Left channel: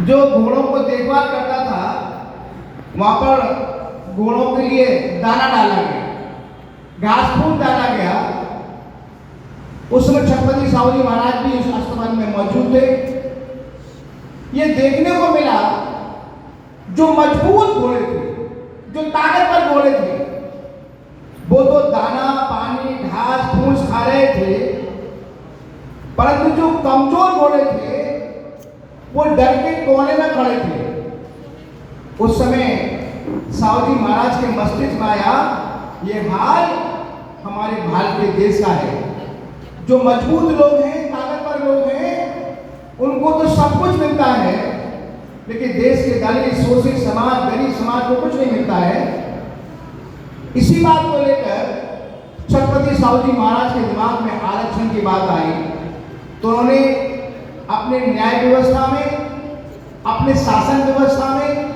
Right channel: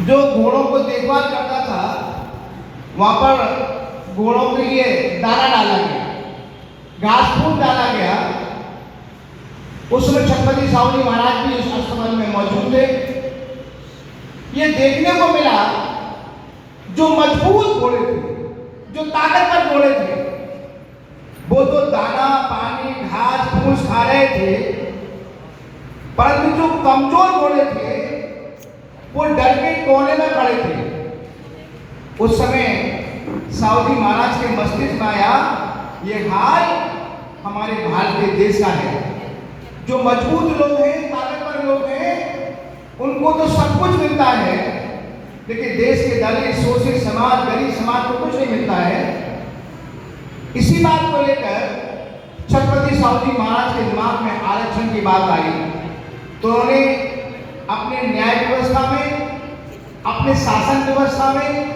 जो घोड़ों को देखभाल करता था वहां पर घोड़ों के लिए दाना डाला गया, घास फूस डाला गया। उस समय छत्रपति साहू जी महाराज भी इस आश्रम में मौजूद थे। ये देखने को मिला जो मजबूत घोड़े थे, जो ताकतवर घोड़े थे, वो तो दाना पानी घास फूस खा रहे थे, परंतु जो कमजोर घोड़े थे वो डर के कोने में खड़े थे। उस समय साहू जी महाराज के मस्तिष्क में आया, ये हाल हमारे भारत देश का है। जो मजबूत लोग हैं, ताकतवर लोग हैं, उनको तो सब कुछ मिलता है, लेकिन देश के दलित शोषित समाज, गरीब समाज को कुछ नहीं मिलता है। इसी बात को लेकर छत्रपति साहू जी महाराज के दिमाग में आरक्षण की बात आई, तो उन्होंने अपने न्याय व्यवस्था में, अपने शासन व्यवस्था में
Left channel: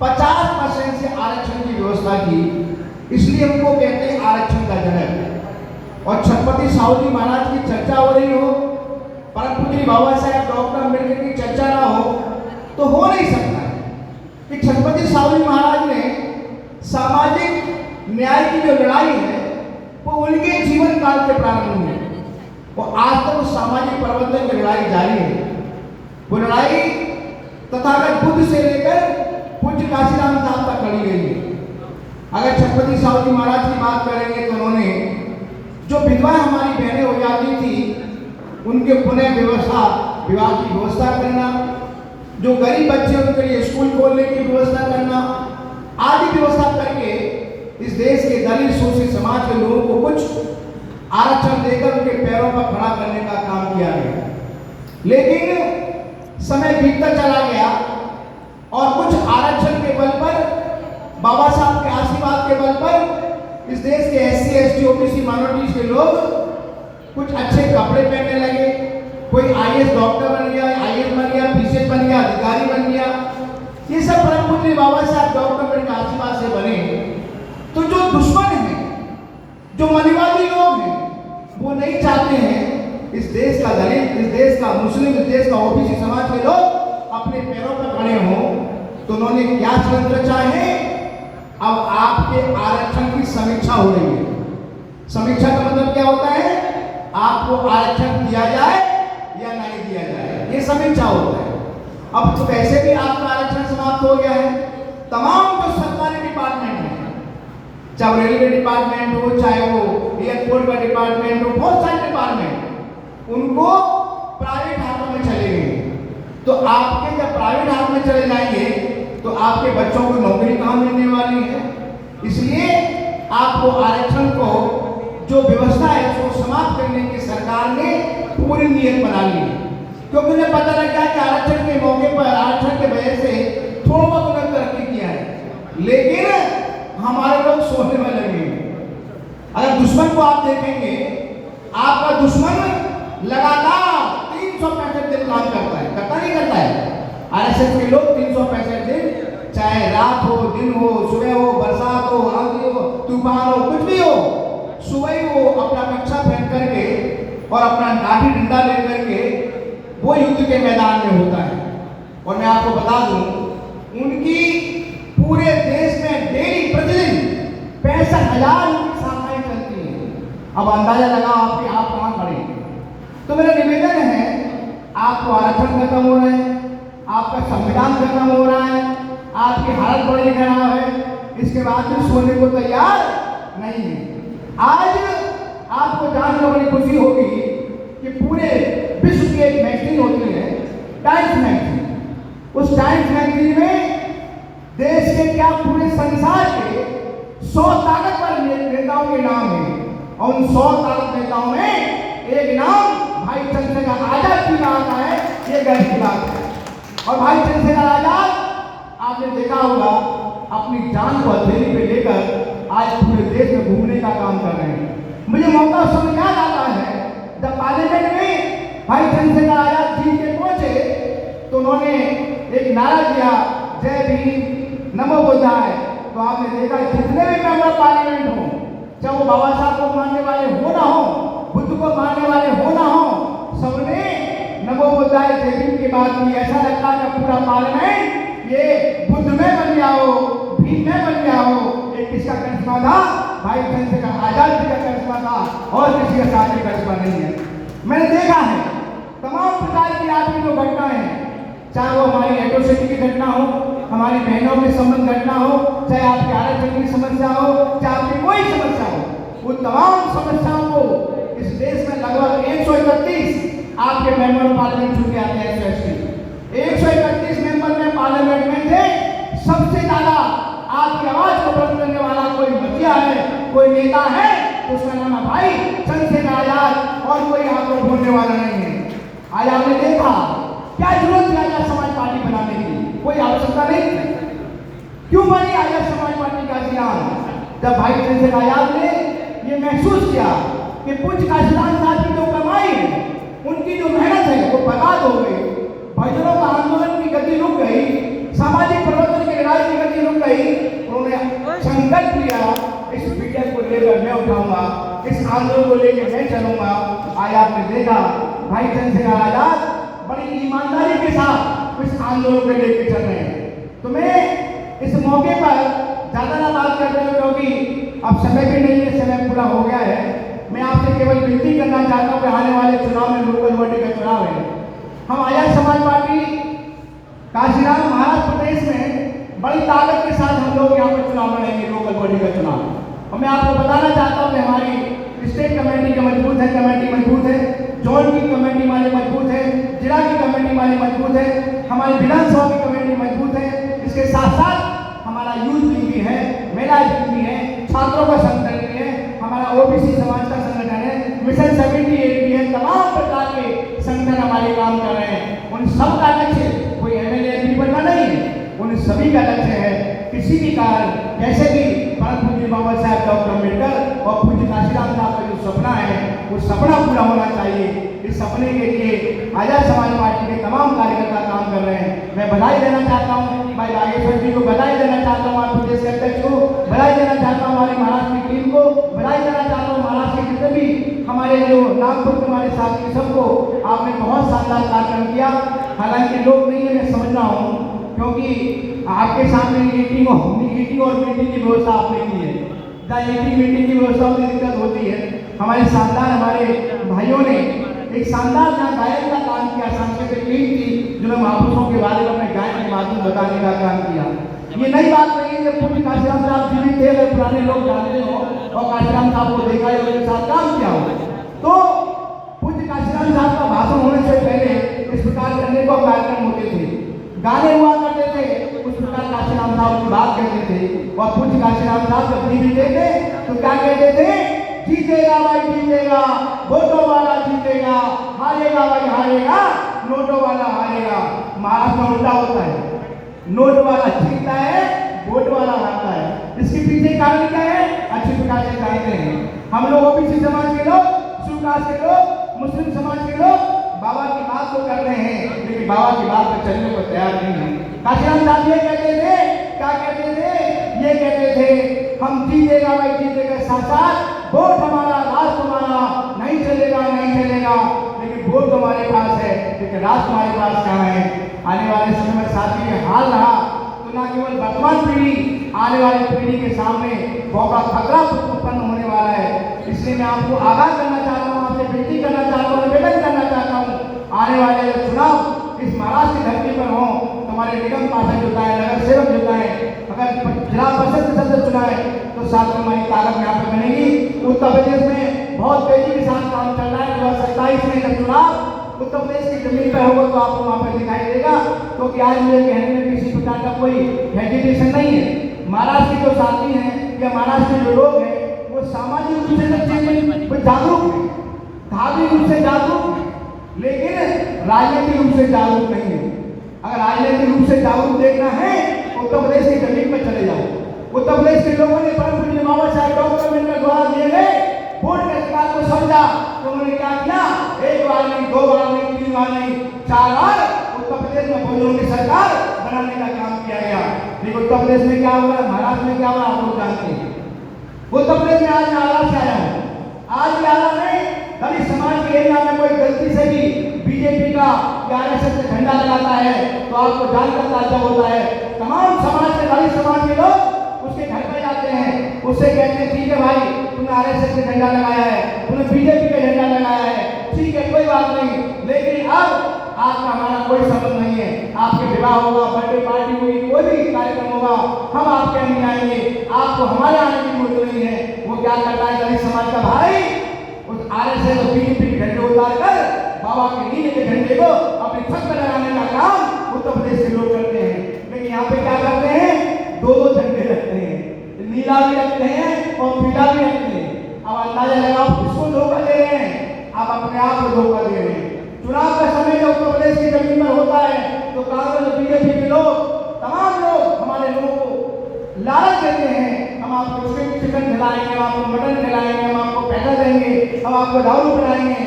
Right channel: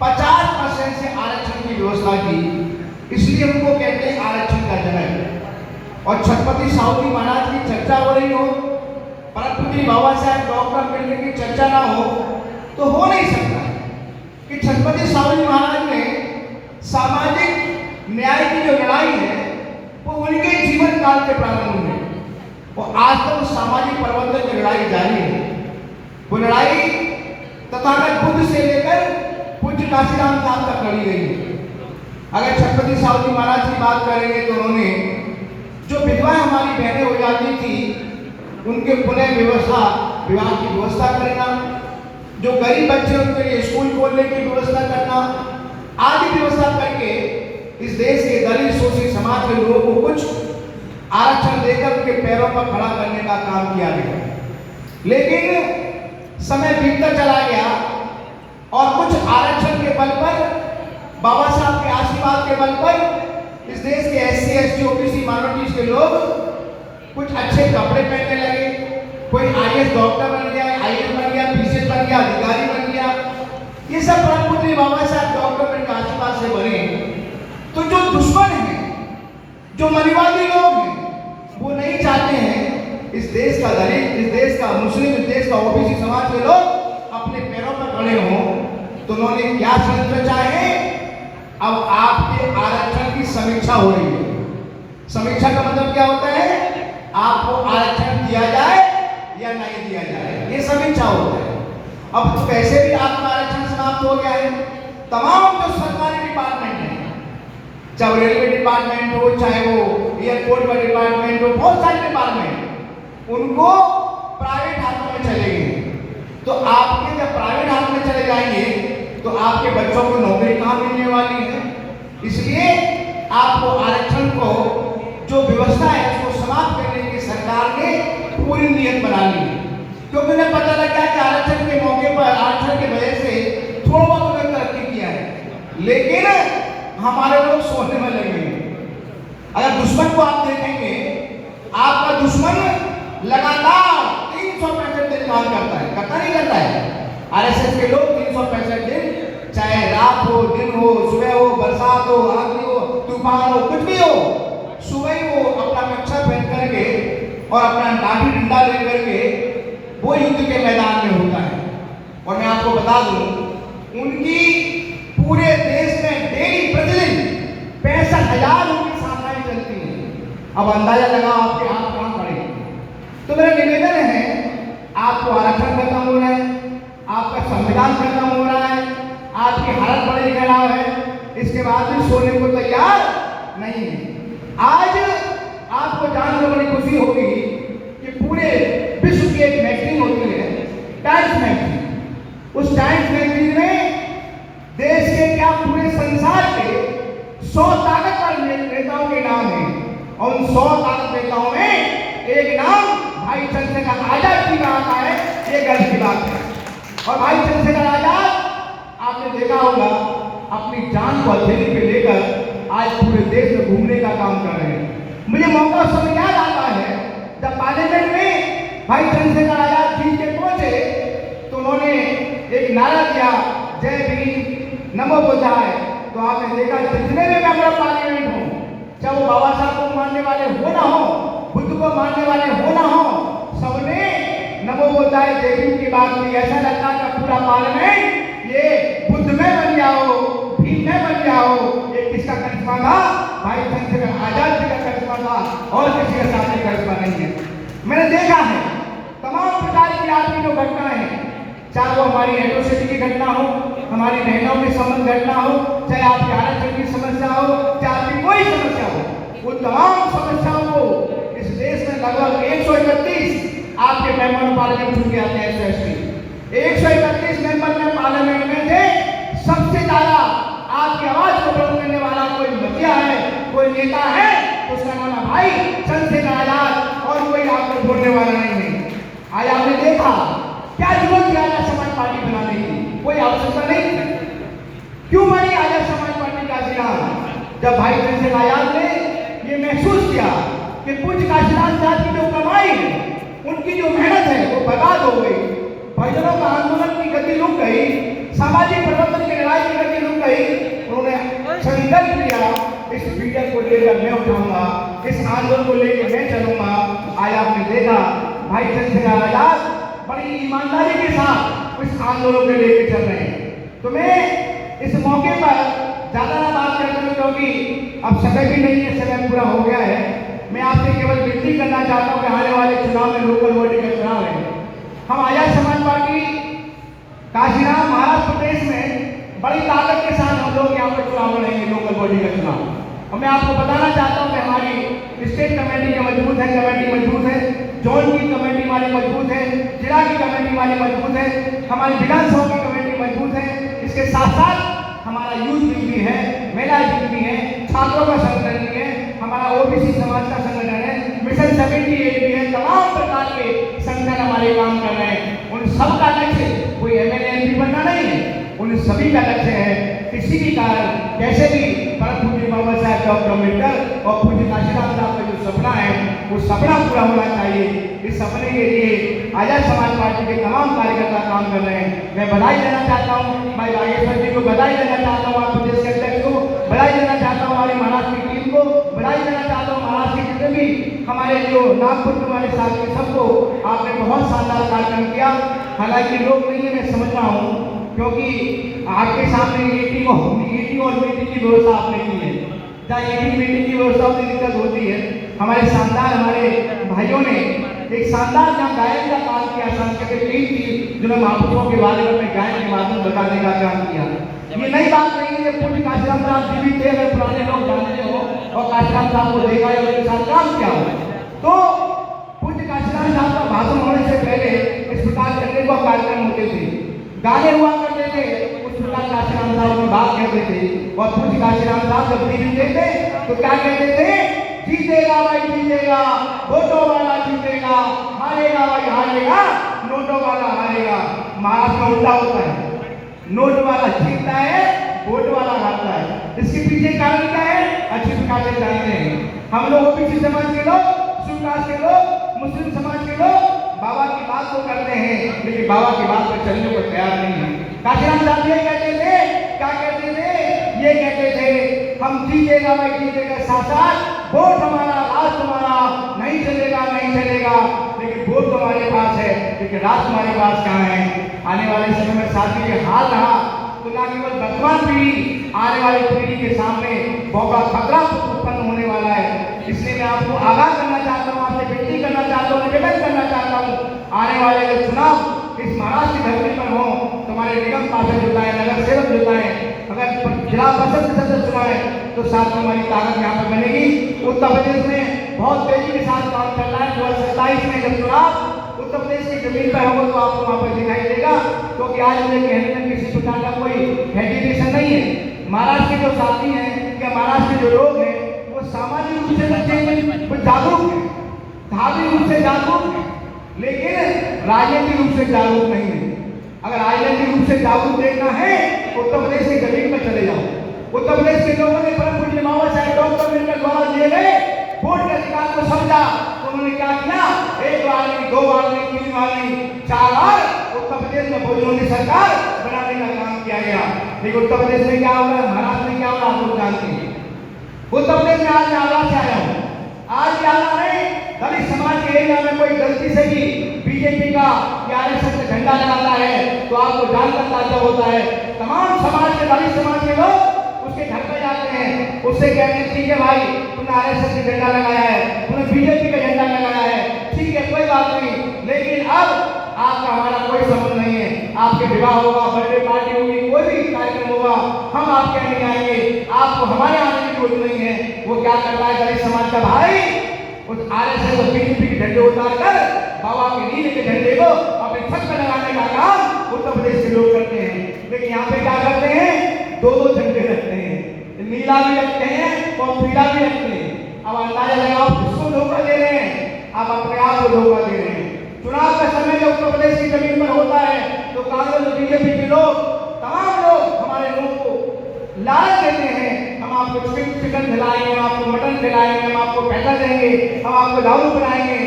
50% से आरक्षण की व्यवस्था की। इसलिए उनको कहते हैं आरक्षण का जनक। और छत्रपति साहू जी महाराज की चर्चा हो रही हो, परमपूज्य बाबा साहेब डॉक्टर अम्बेडकर की चर्चा ना हो तो हो नहीं सकता कि छत्रपति साहू जी महाराज ने सामाजिक न्याय की जो लड़ाई है वो उनके जीवन काल के प्रारंभ में और आज तक सामाजिक परिवर्तन की लड़ाई जारी है। वो लड़ाई तथागत बुद्ध से लेकर पूज्य काशीराम साहब तक लड़ी गई है। अगर छत्रपति साहू जी महाराज की बात करेंगे तो उन्होंने जो विधवा हमारी बहनें हो जाती थी उनके पुनः विवाह की व्यवस्था करना, जो गरीब बच्चे उनके लिए स्कूल खोलने की व्यवस्था करना, आदि व्यवस्था करके इस देश के दलित शोषित समाज के लोगों को कुछ आरक्षण देकर उनके पैरों पर खड़ा करने का काम किया गया। लेकिन समय बीतता चला गया और कुछ आरक्षण के बल पर, बाबा साहब के आशीर्वाद के बल पर इस देश के SC ST OBC माइनॉरिटीज के लोग कुछ अच्छे कपड़े पहनने लगे। कोई IAS डॉक्टर बन गया, IAS बन गया, PCS बन गया, अधिकारी बन गया। ये सब परमपूज्य बाबा साहब डॉक्टर के आशीर्वाद से बने। तो जो दुश्मन हैं, जो मनीवादी लोग हैं, वो नहीं चाहते हैं इस देश का दलित, इस देश का मुस्लिम, इस देश का OBC समाज के लोग अपने पैरों पर खड़े हों। तो उन्होंने क्या षड्यंत्र चाहे, अब आपके आरक्षण की समीक्षा हो रही है। समीक्षा का मतलब क्या होता है, आपको आरक्षण दिया जाए या नहीं दिया जाए, ये समीक्षा होता है। अब तो वैसे भी आपका आरक्षण समाप्त हो गया है। तमाम जो सरकारी डिपार्टमेंट है, चाहे रेलवे डिपार्टमेंट हो, चाहे वो एयरपोर्ट का डिपार्टमेंट हो, बहुत सारे डिपार्टमेंट उनको प्राइवेट हाथों में चले गए। तो आपके जब प्राइवेट हाथ में चले जाएंगे तो आपके बच्चों को नौकरी कहाँ मिलने वाली है। इसलिए आपको आरक्षण को जो व्यवस्था है उसको समाप्त करने की सरकार ने पूरी नीयत बना ली, क्योंकि उन्हें पता लगा कि आरक्षण के मौके पर, आरक्षण के वजह से थोड़ा बहुत उन्होंने तरक्की किया है, लेकिन हमारे लोग सोचने में लगे। अगर दुश्मन को आप देखेंगे, आपका दुश्मन लगातार 365 दिन काम करता है, करता नहीं करता है। RSS के लोग 365 दिन, चाहे रात हो, दिन हो, सुबह हो, बरसात हो, आंधी हो, तूफान हो, कुछ भी हो, सुबह ही वो अपना कच्छा पहन करके और अपना लाठी डंडा ले करके वो युद्ध के मैदान में होता है। और मैं आपको बता दूं, उनकी पूरे देश में डेली प्रतिदिन 65,000 उनकी शाखाएं चलती हैं। अब अंदाजा लगा आपके आप कहां खड़े। तो मेरा निवेदन है, आपको आरक्षण खत्म हो रहा है, आपका संविधान खत्म हो रहा है, आपकी हालत बड़ी खराब है, इसके बाद भी सोने को तैयार नहीं है। आज आपको जानकर बड़ी खुशी होगी कि पूरे विश्व की एक मैगजीन होती है, टाइम्स मैगजीन। उस टाइम्स मैगजीन में देश के क्या पूरे संसार के 100 ताकतवर नेताओं के नाम हैं और उन 100 ताकत नेताओं में एक नाम भाई चंद्रशेखर आजाद जी का आता है। ये गर्व की बात है। और भाई चंद्रशेखर आजाद, आपने देखा होगा, अपनी जान को हथेली पे लेकर आज पूरे देश में घूमने का काम कर रहे हैं। मुझे मौका उस समय याद आता है जब पार्लियामेंट में भाई चंद्रशेखर आजाद जीत के पहुंचे तो उन्होंने एक नारा दिया, जय भीम नमो बुद्धाय। तो आपने देखा जितने भी मेंबर पार्लियामेंट हो, चाहे वो बाबा साहब को मानने वाले हो ना हो, बुद्ध को मानने वाले हो ना हो, सबने नमो बुद्धाय जय भीम की बात की। ऐसा लगता है पूरा चाहे आपके आरक्षण की समस्या हो, चाहे आपकी कोई समस्या हो, वो तमाम समस्याओं को इस देश में लगभग 131 आपके मेंबर पार्लियामेंट चुन के आते हैं। 131 मेंबर में पार्लियामेंट में थे, सबसे ज्यादा आपकी आवाज को बुलंद करने वाला कोई मुखिया है, कोई नेता है, उसका नाम है भाई चंद्रशेखर आजाद, और कोई यहाँ पर बोलने वाला नहीं है। आज आपने देखा क्या जरूरत थी आजाद समाज पार्टी बनाने की, कोई आवश्यकता नहीं थी। क्यों बनी आजाद समाज पार्टी काशीराम? जब भाई चंद्रशेखर आजाद ने ये महसूस किया कि पूज्य काशीराम साहब की जो कमाई, उनकी जो मेहनत है वो बर्बाद हो गई, भजनों का आंदोलन की गति रुक गई, सामाजिक परिवर्तन की लड़ाई की गति रुक गई, उन्होंने संकल्प लिया इस विजन को लेकर मैं उठाऊंगा, इस आंदोलन को लेकर मैं चलूंगा। आज आपने देखा भाई चंद्रशेखर आजाद बड़ी ईमानदारी के साथ इस आंदोलन को लेकर चल रहे हैं। तो मैं इस मौके पर ज्यादा ना बात करता हूं, क्योंकि अब समय भी नहीं है, समय पूरा हो गया है। मैं आपसे केवल विनती करना चाहता हूं कि आने वाले चुनाव में लोकल बॉडी का चुनाव है, हम आजाद समाज पार्टी काशीराम महाराष्ट्र प्रदेश में बड़ी ताकत के साथ हम लोग यहाँ पर चुनाव लड़ेंगे, लोकल बॉडी का चुनाव। और मैं आपको बताना चाहता हूँ कि हमारी स्टेट कमेटी के मजबूत है, कमेटी मजबूत है, जोन की कमेटी हमारी मजबूत है, जिला की कमेटी हमारी मजबूत है, हमारी विधानसभा की कमेटी मजबूत है। इसके साथ साथ हमारा यूथ विंग भी है, महिला विंग भी है, छात्रों का संगठन भी है, हमारा ओबीसी समाज का संगठन है, मिशन 78 भी है, तमाम प्रकार के संगठन हमारे काम कर रहे हैं। उन सब का लक्ष्य कोई एमएलए एमपी बनना नहीं है, उन सभी का लक्ष्य है किसी भी कारण कैसे भी परम पूज्य बाबा साहब डॉक्टर अम्बेडकर और पूज्य काशीराम साहब का जो सपना है वो सपना पूरा होना चाहिए। इस सपने के लिए आजाद समाज पार्टी के तमाम कार्यकर्ता काम कर रहे हैं। मैं बधाई देना चाहता हूँ, मैं राजेश्वर जी को बधाई देना चाहता हूँ, आप प्रदेश के अध्यक्ष को बधाई देना चाहता हूँ, हमारी महाराष्ट्र की टीम को बधाई देना चाहता हूँ, महाराष्ट्र के जितने भी हमारे जो नागपुर के हमारे साथी सबको आपने बहुत शानदार कार्यक्रम किया। हालांकि लोग नहीं है, मैं समझ रहा हूँ, क्योंकि आपके सामने ईटिंग और मीटिंग की व्यवस्था आपने की है, जहाँ ईटिंग मीटिंग की व्यवस्था में दिक्कत होती है। हमारे शानदार हमारे भाइयों ने एक शानदार जहाँ गायन का काम किया, सांस्कृतिक टीम की जो मैं महापुरुषों के बारे में अपने गायन के माध्यम बताने का काम किया। ये नई बात नहीं है, पूज्य काशीराम साहब जी भी थे, अगर पुराने लोग जानते हो और काशीराम साहब को देखा है, उनके साथ काम किया हो, तो पूज्य काशीराम साहब का भाषण होने से पहले इस प्रकार करने को कार्यक्रम होते थे, गाने हुआ करते थे, उस प्रकार काशीराम साहब की बात कहते थे। और पूज्य काशीराम साहब जब जीते थे तो क्या कहते थे? जीतेगा भाई जीतेगा, वोटों वाला जीतेगा, हारेगा भाई हारेगा, नोटों वाला हारेगा। महाराष्ट्र में उल्टा होता है, नोट वाला जीतता है, वोट वाला हारता है। इसके पीछे कारण क्या है? अच्छी प्रकार से जानते हैं हम लोग, ओबीसी समाज के लोग, सूकास्ट के लोग, मुस्लिम समाज के लोग बाबा की बात को करते हैं, लेकिन बाबा की बात पर चलने को तैयार नहीं है। काशीराम साहब ये कहते थे, क्या कहते थे? ये कहते थे हम जीतेगा भाई जीतेगा, साथ साथ वोट हमारा, राष्ट्र हमारा, नहीं चलेगा नहीं चलेगा, लेकिन वोट हमारे पास है, लेकिन राष्ट्र हमारे पास कहाँ है? आने वाले समय में साथी ये हाल रहा तो ना केवल वर्तमान पीढ़ी, आने वाली पीढ़ी के सामने बहुत बड़ा खतरा उत्पन्न होने वाला है। इसलिए मैं आपको आगाह करना चाहता हूँ, आपसे विनती करना चाहता हूँ, निवेदन करना चाहता हूँ, आने वाले चुनाव इस महाराष्ट्र की धरती पर हो, तुम्हारे निगम पार्षद जुटा है, नगर सेवक जुटा है, अगर जिला परिषद सदस्य चुना है तो साथ में हमारी ताकत यहाँ पर बनेगी। उत्तर प्रदेश में बहुत तेजी के साथ काम चल रहा है। 2027 में जब चुनाव उत्तर प्रदेश की जमीन पर होगा तो आपको वहाँ पर दिखाई देगा, क्योंकि आज मुझे कहने में किसी प्रकार का कोई हेजिटेशन नहीं है। महाराष्ट्र के जो साथी हैं या महाराष्ट्र के जो लोग हैं वो सामाजिक रूप से सच्चे हैं, वो जागरूक है, धार्मिक रूप से जागरूक है, लेकिन राजनीतिक रूप से जागरूक नहीं है। अगर राजनीतिक रूप से जागरूक देखना है उत्तर प्रदेश की जमीन पर चले जाओ। उत्तर प्रदेश के लोगों ने परम पूज्य बाबा साहब डॉक्टर अम्बेडकर द्वारा दिए गए वोट के अधिकार को समझा, तो उन्होंने क्या किया? एक बार नहीं, दो बार नहीं, तीन बार नहीं, 4 बार उत्तर प्रदेश में भोजनों की सरकार बनाने का काम किया गया। लेकिन उत्तर प्रदेश में क्या हो रहा है, महाराष्ट्र में क्या हो रहा है, आप लोग जानते हैं। उत्तर प्रदेश में आज आगरा से आया हूँ, आज आगरा में दलित समाज के एरिया में कोई गलती से भी बीजेपी का या आरएसएस का झंडा लगाता है तो आपको जानकर ताजा होता है, तमाम समाज के, दलित समाज के लोग उसके घर पे जाते हैं, उससे कहते हैं ठीक है भाई तुमने आरएसएस का झंडा लगाया है, तुमने बीजेपी का झंडा लगाया है, ठीक है कोई बात नहीं, लेकिन अब आपका हमारा कोई संबंध नहीं है। आपके विवाह होगा, बर्थडे पार्टी होगी, कोई भी कार्यक्रम होगा, हम आपके यहाँ नहीं आएंगे, बीजेपी के लोग, तमाम लोग हमारे लोगों को लालच देते हैं, हम आपको चिकन खिलाएंगे, हम आपको मटन खिलाएंगे, हम आपको पैसा देंगे, हम आपको दारू पिलाएंगे।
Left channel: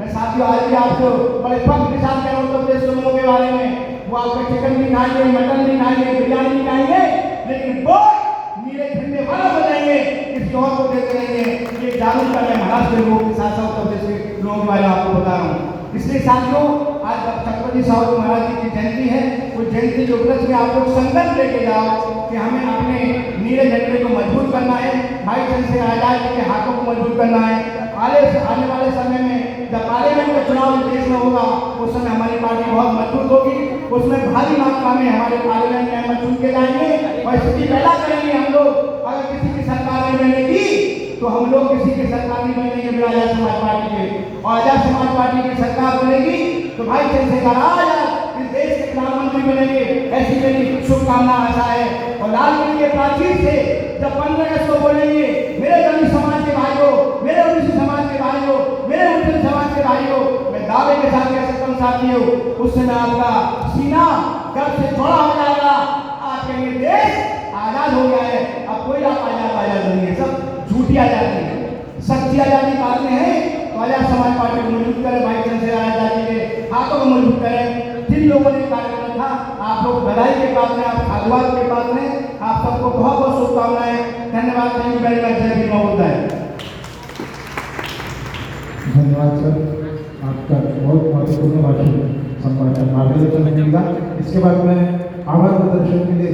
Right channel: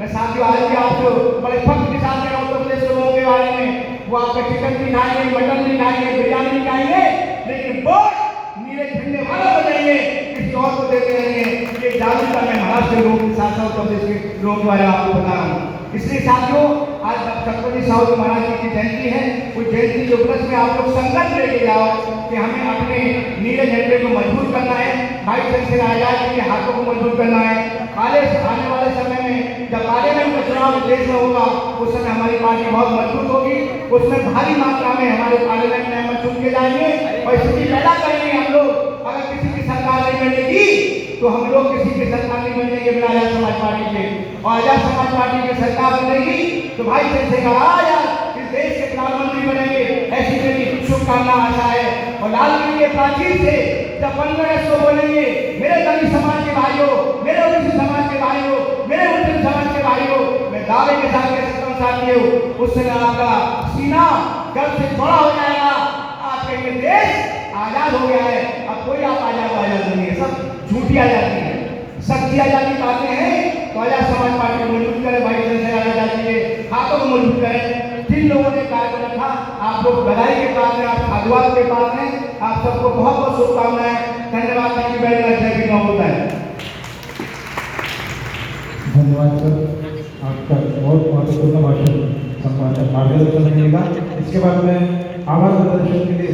मैं साथियों आज भी आपको बड़े फख्र के साथ कह रहा हूं उत्तर प्रदेश के लोगों के बारे में, वो आपका चिकन भी खाएंगे, मटन भी खाएंगे, बिरयानी भी खाएंगे, लेकिन वोट नीले झंडे वाला बनाएंगे, किसी और को देते रहेंगे। ये जागरूक का मैं महाराष्ट्र के लोगों के साथ साथ उत्तर प्रदेश के लोगों के बारे में आपको बता रहा हूँ। इसलिए साथियों आज छत्रपति साहू महाराज जी की जयंती है, वो जयंती के उपलक्ष्य में आपको संकल्प लेके जाओ कि हमें अपने नीले झंडे को मजबूत करना है, भाई चंद्रशेखर आजाद जी के हाथों को मजबूत करना है। आने वाले समय में जब पार्लियामेंट का चुनाव देश में होगा उस समय हमारी पार्टी बहुत मजबूत होगी, उसमें भारी मात्रा में हमारे पार्लियामेंट मेंबर चुन के जाएंगे और स्थिति पैदा करेंगे। हम लोग अगर किसी की सरकार नहीं बनेगी तो हम लोग किसी की सरकार नहीं बनेंगे बिना आजाद समाज पार्टी के, और आजाद समाज पार्टी की सरकार बनेगी तो भाई चंद्रशेखर आजाद इस देश के प्रधानमंत्री बनेंगे, ऐसी मेरी शुभकामना आशा है। और लाल किले के प्राचीर से जब 15 अगस्त को बोलेंगे मेरे दलित समाज के भाइयों, मेरे ओबीसी समाज के भाइयों, मेरे मुस्लिम समाज के भाइयों, मैं दावे के साथ कह सकता हूं साथियों, उस समय आपका सीना गर्व से चौड़ा हो जाएगा। आज के लिए देश आजाद हो गया है, अब कोई आप आजाद नहीं है, सब झूठी आजादी है, सच्ची आजादी पाते हैं तो आजाद समाज पार्टी को मजबूत करें, भाई चंद्रशेखर आजाद जी के हाथों को मजबूत करें। जिन लोगों ने कार्य किया था आप लोग बधाई के पात्र हैं, आप साधुवाद के पात्र हैं, आप सबको बहुत बहुत शुभकामनाएं। धन्यवाद। Thank you very much. जय भीम होता है। धन्यवाद सर, आपका बहुत महत्वपूर्ण भाषण संवाद मार्गदर्शन मिलेगा। इसके बाद में आभार प्रदर्शन के लिए